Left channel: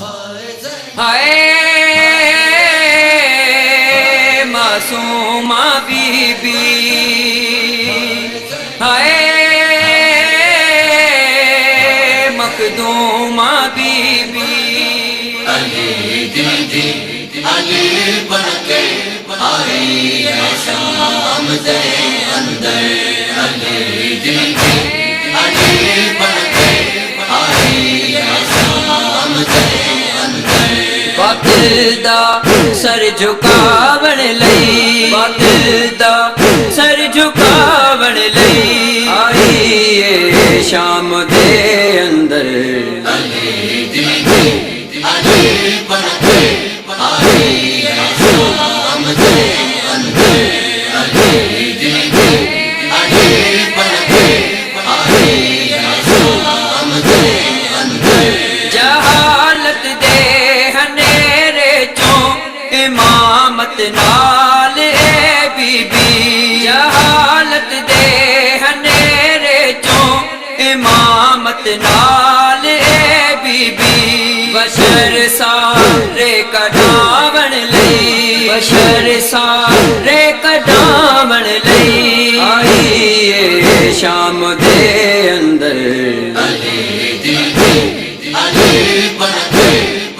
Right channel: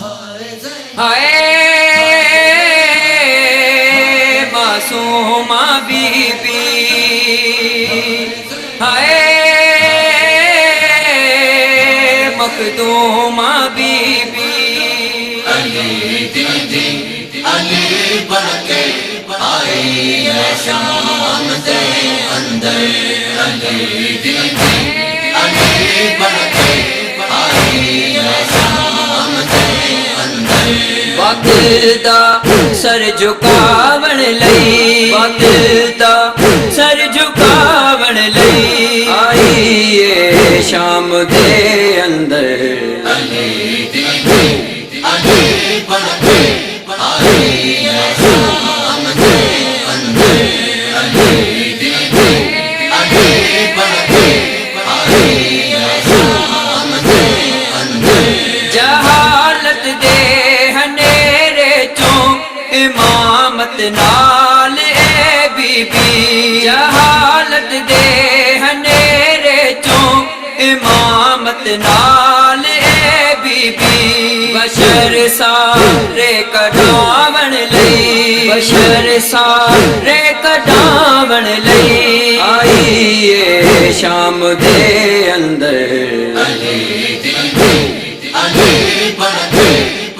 ہائے معصومہ بی بی، ہائے مخدومہ بی بی، علی دیدی علی بن کے آئی ہے شام دے اندر، علی دیدی علی بن کے آئی ہے شام دے اندر، وقت دا سر جھکاون لئی، وقت دا سر جھکاون لئی آئی ہے شام دے اندر، علی دیدی علی بن کے آئی ہے شام دے اندر، علی دیدی علی بن کے آئی ہے شام دے اندر، جہالت دے ہنیرے چوں امامت نال اے بی بی، جہالت دے ہنیرے چوں امامت نال اے بی بی، بشر سارے کڈاون لئی، بشر سارے کڈاون لئی آئی اے شام دے اندر، علی دیدی علی بن کے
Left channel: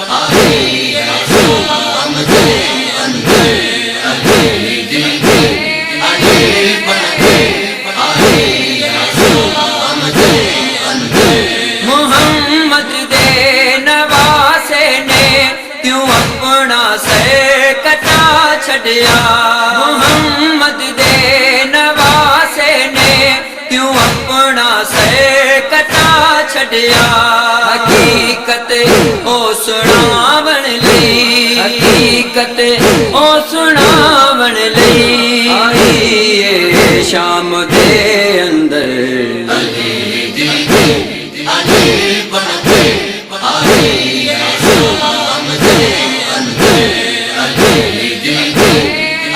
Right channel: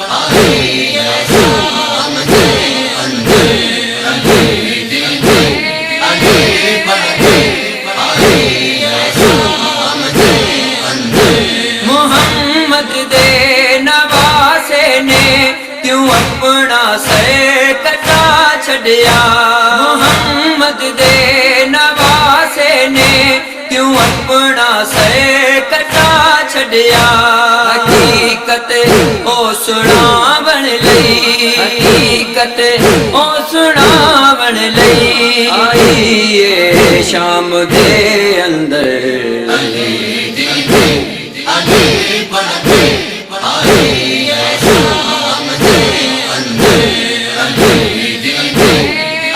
آئی ہے شام دے اندر، علی دیدی علی بن کے آئی ہے شام دے اندر، محمد دے نواسے نے کیوں اپنا سر کٹا چھڈیا، محمد دے نواسے نے کیوں اپنا سر کٹا چھڈیا، حقیقت او سناون لئی، حقیقت او سناون لئی آئی اے شام دے اندر، علی دیدی علی بن کے آئی ہے شام دے اندر، علی دیدی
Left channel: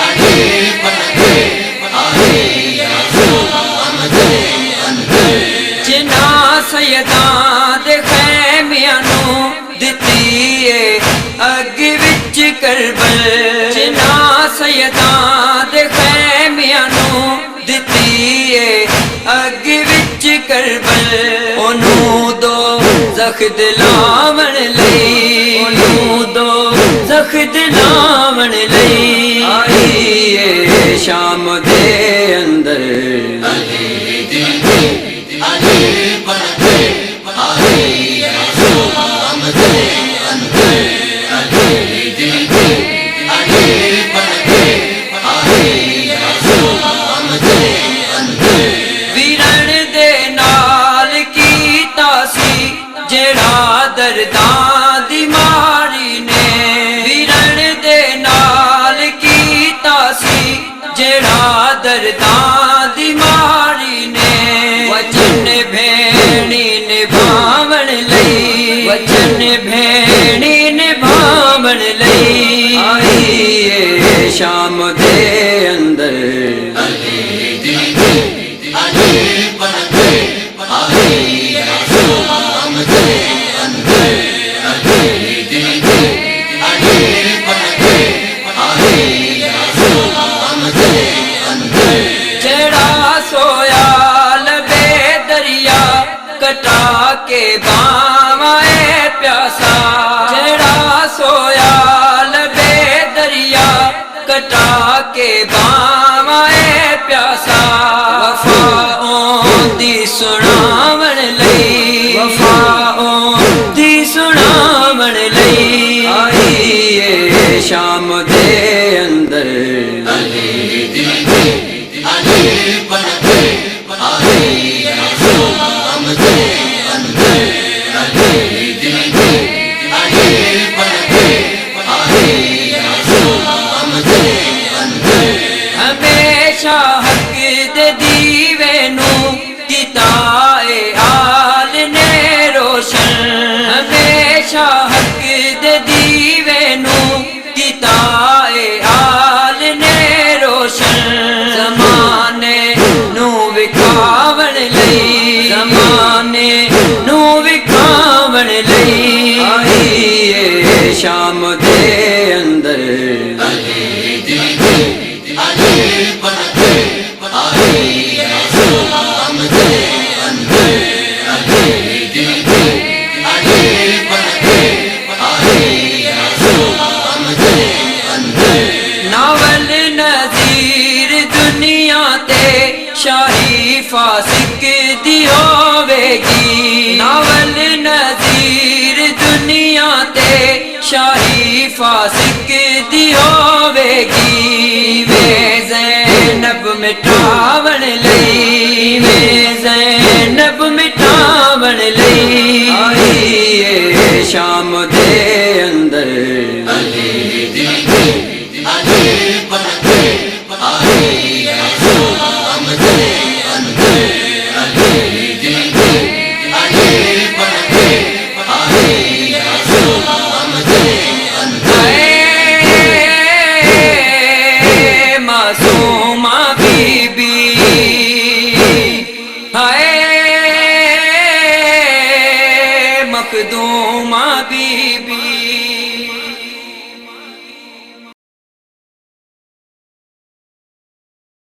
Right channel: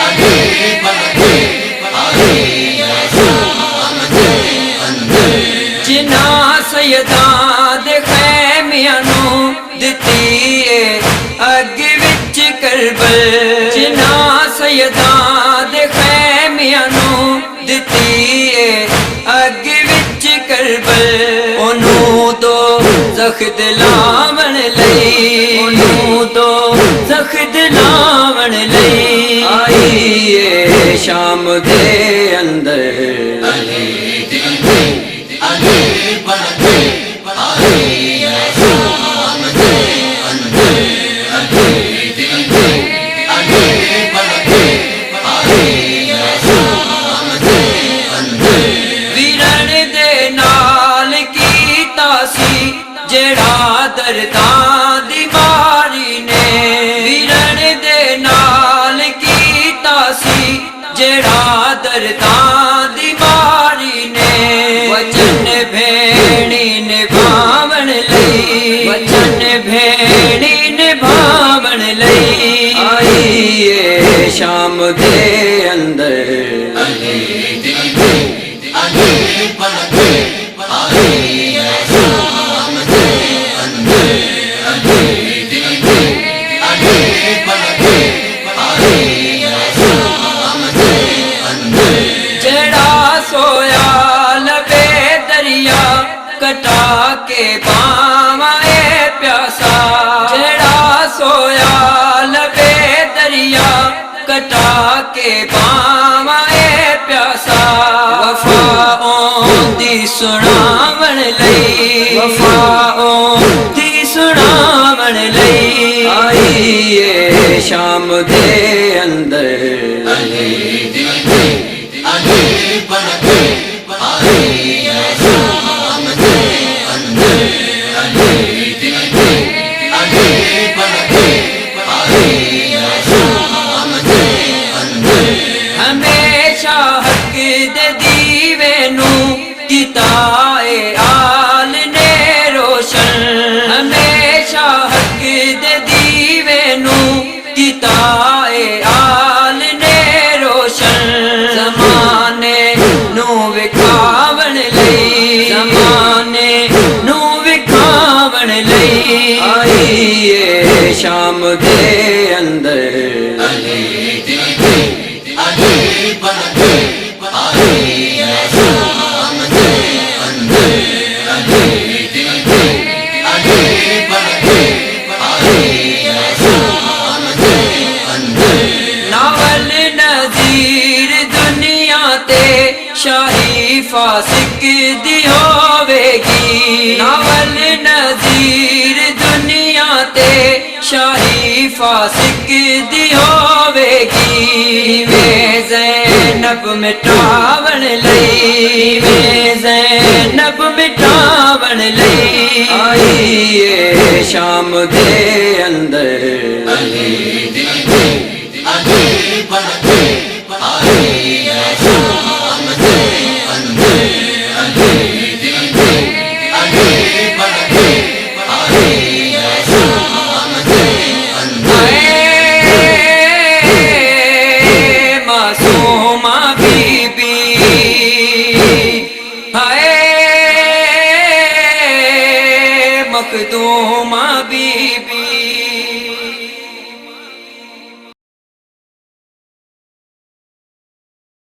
علی بن کے آئی ہے شام دے اندر، جنہاں سیداں دے خیمیاں نوں دتی اے اگ وچ کربل، جنہاں سیداں دے خیمیاں نوں دتی اے اگ وچ کربل، اونوں دو زخ دلاون لئی، اونوں دو زخ دلاون لئی آئی اے شام دے اندر، علی دیدی علی بن کے آئی ہے شام دے اندر، علی دیدی علی بن کے آئی ہے شام دے اندر، ویرن دے نال کیتا سی جیڑا درداں دی ماری نے، ویرن دے نال کیتا سی جیڑا درداں دی ماری نے، وچن بھیڑی نبھاون لئی، وچن بھیڑی نبھاون لئی آئی اے شام دے اندر، علی دیدی علی بن کے آئی ہے شام دے اندر، علی دیدی علی بن کے آئی ہے شام دے اندر، جڑا سویا لبے دریا کٹا کے باواں اے پیاسا، جڑا سویا لبے دریا کٹا کے باواں اے پیاسا، وفا دی سناون لئی، وفا دی سناون لئی آئی اے شام دے اندر، علی دیدی علی بن کے آئی ہے شام دے اندر، علی دیدی علی بن کے آئی ہے شام دے اندر، ہمیشہ حق دے دیوے نوں کیتا اے آل نے روشن، ہمیشہ حق دے دیوے نوں کیتا اے آل نے روشن، زمانے نوں وکھاون لئی، زمانے نوں وکھاون لئی آئی شام دے اندر علی دی علی پڑھ کے آئی ہے شام دے اندر علی دی علی پڑھ کے آئی ہے شام دے اندر ناول نظیر دنیا تے شاہی فاسق دی ہوے گی ناول نظیر دنیا تے شاہی فاسق دی ہوے گی میں زینب مٹاون لئی میں زینب مٹاون لئی آئی ہے شام دے اندر علی دی علی پڑھ کے آئی ہے شام دے اندر علی دی علی پڑھ کے آئی ہے شام دے اندر اے معصومہ بی بی ہائے مخدومہ بی بی